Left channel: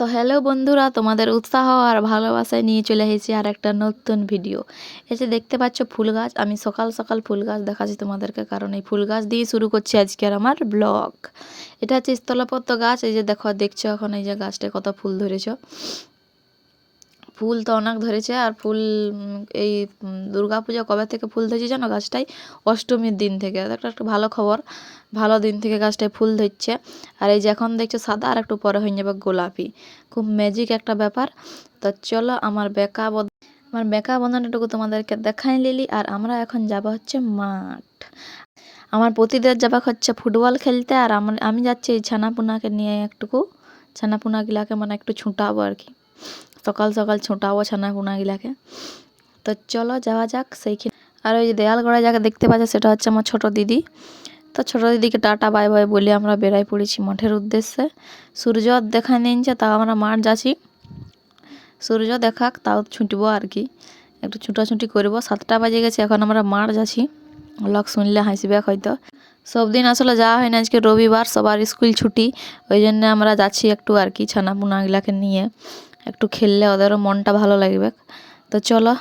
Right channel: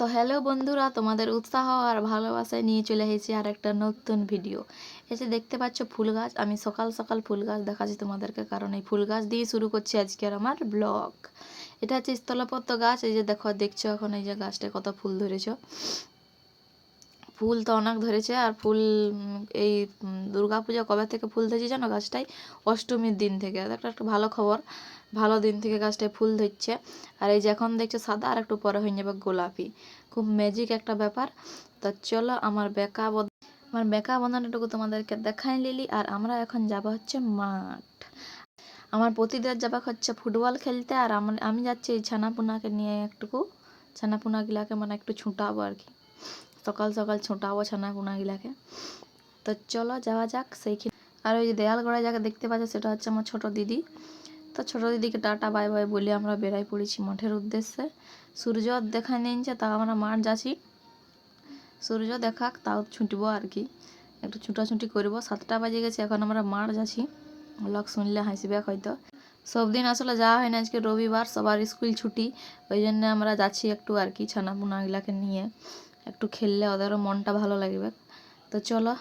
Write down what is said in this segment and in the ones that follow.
তো হ্যালো বন্ধুরা, তোমাদের উৎসাহ আর ভালোবাসায় নিয়ে চলে এসেছি আর একটা নতুন ভিডিও। এই যে দেখতে পাচ্ছ ফুল গাছ, আমি সকাল সকাল ফুল গাছ দেখাচ্ছি তোমাদেরকে, কারণ এই ফুল গাছ দিয়ে শুরু করছি আজকের আমার ব্লগ। এটা হচ্ছে স্থলপদ্ম গাছ। এই যে দেখছো এখন এই যে গাছটায় কত ফুল ধরেছে। ফুল তো অনেক ধরেছে, আর ফুল এই দুর্গাপূজা কবে থেকে ফুল ধরেছে জানো? গাছটাই অষ্টমীর দিন থেকে। একটা ভালো খবর, ভালো দিন থেকে গাছটায় ফুল ধরছে। আর এই যে এখন দেখছো সাদা, আর একটু পরে হয়ে যাবে গোলাপি। খুব ম্যাজিক একটা ব্যাপার। তো চলো আমার বেকা বন্ধনটুকু তোমাদেরকে দেখাই নিলি। আর আমরা এখন যাব হচ্ছে মাঠ। আমার প্রতিদিন যাবা হচ্ছে ফুটবল খেলতে, আর আমি যাচ্ছি এই ছানাপুনাকে নিয়ে ছানাপুনাগুলাকে মানে একটু ছুটাবো আর কি। সকাল সকাল ছুটাবো ছানাপুনাগুলাকে। তো চলো যাওয়া যাক সেইখানে। আর ওই যে দেয়াল গড়ায় যাকে দেখতে পাচ্ছে সেটা হচ্ছে আমার ছোট দিদি। তো ছোট দিদিকে টাটা বাই বাই বলে আমরা বেরাই পড়েছি মাঠের উদ্দেশ্যে। সূর্য দেখা নিচ্ছে, তাও আমরা মাঠ যাচ্ছি। সূর্য দেখাক তাও ছুটবো আর কি, একটু ছুটাছুটি করবো। 7টা বাজে গেছে, এখন আমরা মাঠ যাচ্ছি। লোক শুনলে হাসবে হয়তো। সব দিন আসলে যাওয়া হয় না, আজকে রবিবার সবার স্কুল ছুটি, ওই জন্য আমরা যাচ্ছি একটু আর কি ছানাপুনাগুলাকে নিয়ে একটু খেললে ওদেরও মনটা ভালো লাগবে। তো চলো,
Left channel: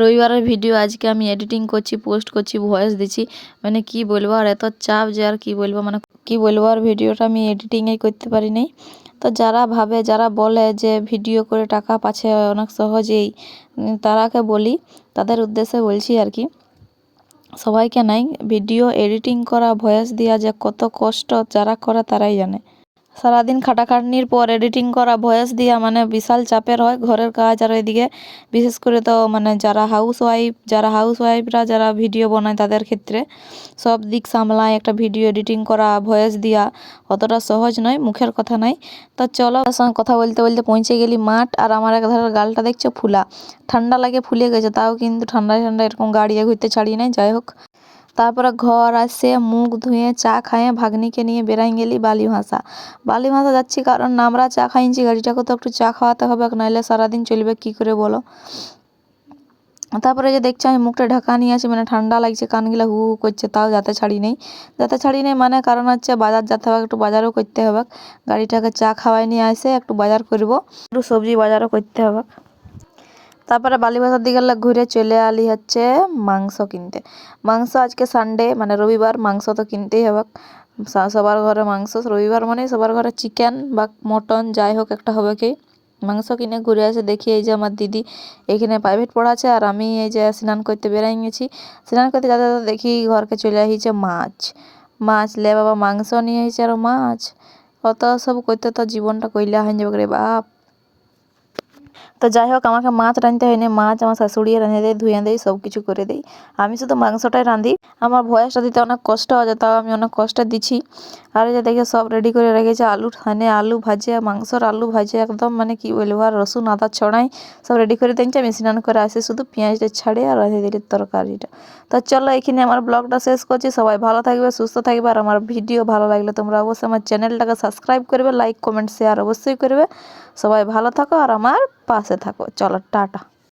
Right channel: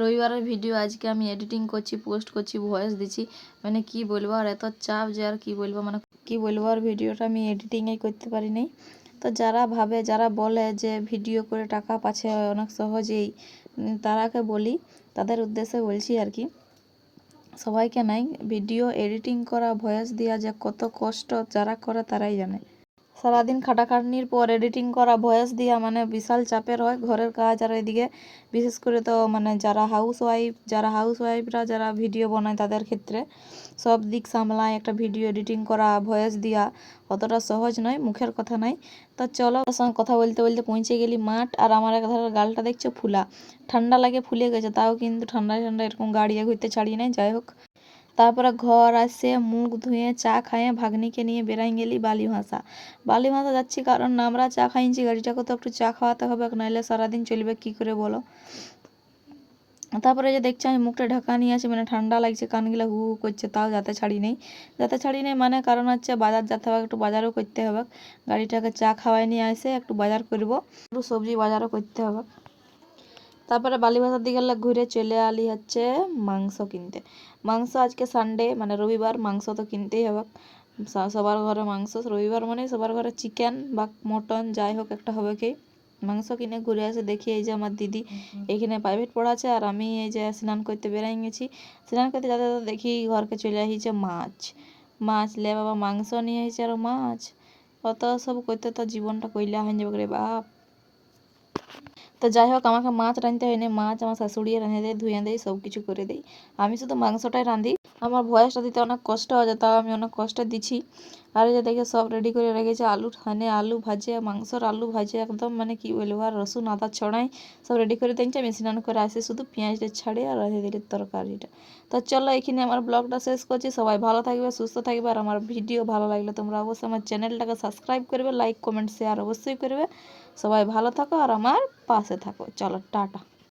রবিবারের ভিডিও আজকে আমি এডিটিং করছি, পোস্ট করছি, ভয়েস দিচ্ছি। মানে কি বলবো, আর এত চাপ যে আর কি বলবো, মানে কি বলবো। আর ভিডিওটা আমি এডিটিংই করতে পারি নাই। তো যারা বলে যে ভিডিও করে টাকা পাচ্ছে অনেক সহজেই, তারাকে বলি, তাদের উদ্দেশ্যে বলছি আর কি। সবাইকে নাই, ভিডিও এডিটিং করা, ভয়েস দেওয়া যে কত কষ্ট যারা করে তারাই জানে। সারাদিন খাটাখাটনির পর এডিটিং করা, ভয়েস দেওয়া মানে বিশাল চাপের হয়। ঘরের কাজ, আর এদিকে বিশেষ করে তো মানে যারা হাউসওয়াইফরা যারা ভিডিও বানায় তাদের ক্ষেত্রে সব দিক সামলায়। একটা ভিডিও এডিটিং করা, ভয়েস দেওয়া অতটা সহজ নয়, মুখের কথা নাই। তো চলো, তার সঙ্গে কথা বলতে বলতে পৌঁছে গেলি মাঠ। আর আমার এক ধারের গালটা দেখছো ফুলা, ঠান্ডা লাগে ফুলে গেছে, তাও কিন্তু ঠান্ডায় এরকম গাড়িয়ে ঘুরতে ছাড়িয়ে নাই। যাই হোক, তারপরে ঘর আসে মুখ ধুয়ে চা খাইয়ে ভাগ্নিকে নিয়ে বেরাই গেলি বালি ভাষা যাচ্ছি, কারণ আমরা চা খাইছি, গাড়িটাকে তো একটু চা খাওয়াতে হবে, নাহলে সারাদিন চলবে কি করে বলো। তারপরে যে দেখছি আমি মুখটা ঢাকা নিয়ে আছি, মানে ঠান্ডা লাগছে, কানগুলা হু হু করছে, তাও যাতে ছাড়ি নেই মানে কারণ হচ্ছে বাজার যেতে হবে, একটু বাজারও করতে হবে। গাড়িটাকে চা খাওয়াই নিয়ে আসে একটু বাজার করব, একটু সবজি বাজারও করতে হবে। তারপরে বালিবাজার দিকে ঘুরে চলে আলি হচ্ছে মাংস কিনতে। মাংস আজকে সানডে মানে রবিবার, মাংস তো কিনতেই হবে। সবার ঘরে মাংস, রবিবার মানে সবার ঘরে চিকেন বা মটন যাই হোক একটা হবে কি। মাংস কিনে ঘুরে আসে, দেখি এই যে আমার দিদি এখানে প্রাইভেট পড়াচ্ছে, আর আমি এই যে স্নান করতে বেরাই গেছি। স্নান করতে যাতে দেখি ঘরকে চলে আসিছে মাছ লে বাবা, মাংস নিয়ে এসেছে আর মাছ, অত সব করতে তো জীবনটা কইলা হয়ে যাবে রে বাপ। তো যাই হোক, আমাকে মাছ রাঁধতে হয়নি, মাছ আমার শাশুড়ি রাঁধে দেয়, ধুয়ে দেয়, সব কিছু করে দেয়। আমি শুধু মাংসটাই রাঁধি। আমার ভয়েসটা দিতে অনেক কষ্ট হয়, তাও আমি অনেক কষ্ট দিচ্ছি। আর যে দেখে সব রেডি করে রেখেছে, আলু ভাজে, মাংসর আলু ভাজে একদম, মানে কি বলবো। আর রসুন আদা ছড়াই সব রেডি করে দিচ্ছে। আমি স্নান করে আসে শুধু পেঁয়াজটা ছাড়ে আর রাঁধে দিলি তরকারিটা। তো চলো, এখানে আমার ব্লগটা শেষ করছি। সবাই ভালো থাকবে, সুস্থ থাকবে। আর আমার ভিডিও ভালো লাগলে তোমরা অবশ্যই আমার চ্যানেলটাকে সাবস্ক্রাইব করবে, লাইক কমেন্ট শেয়ার অবশ্যই করবে। সবাই ভালো থাকো আর আমার পাশে থাকো। চলো টাটা।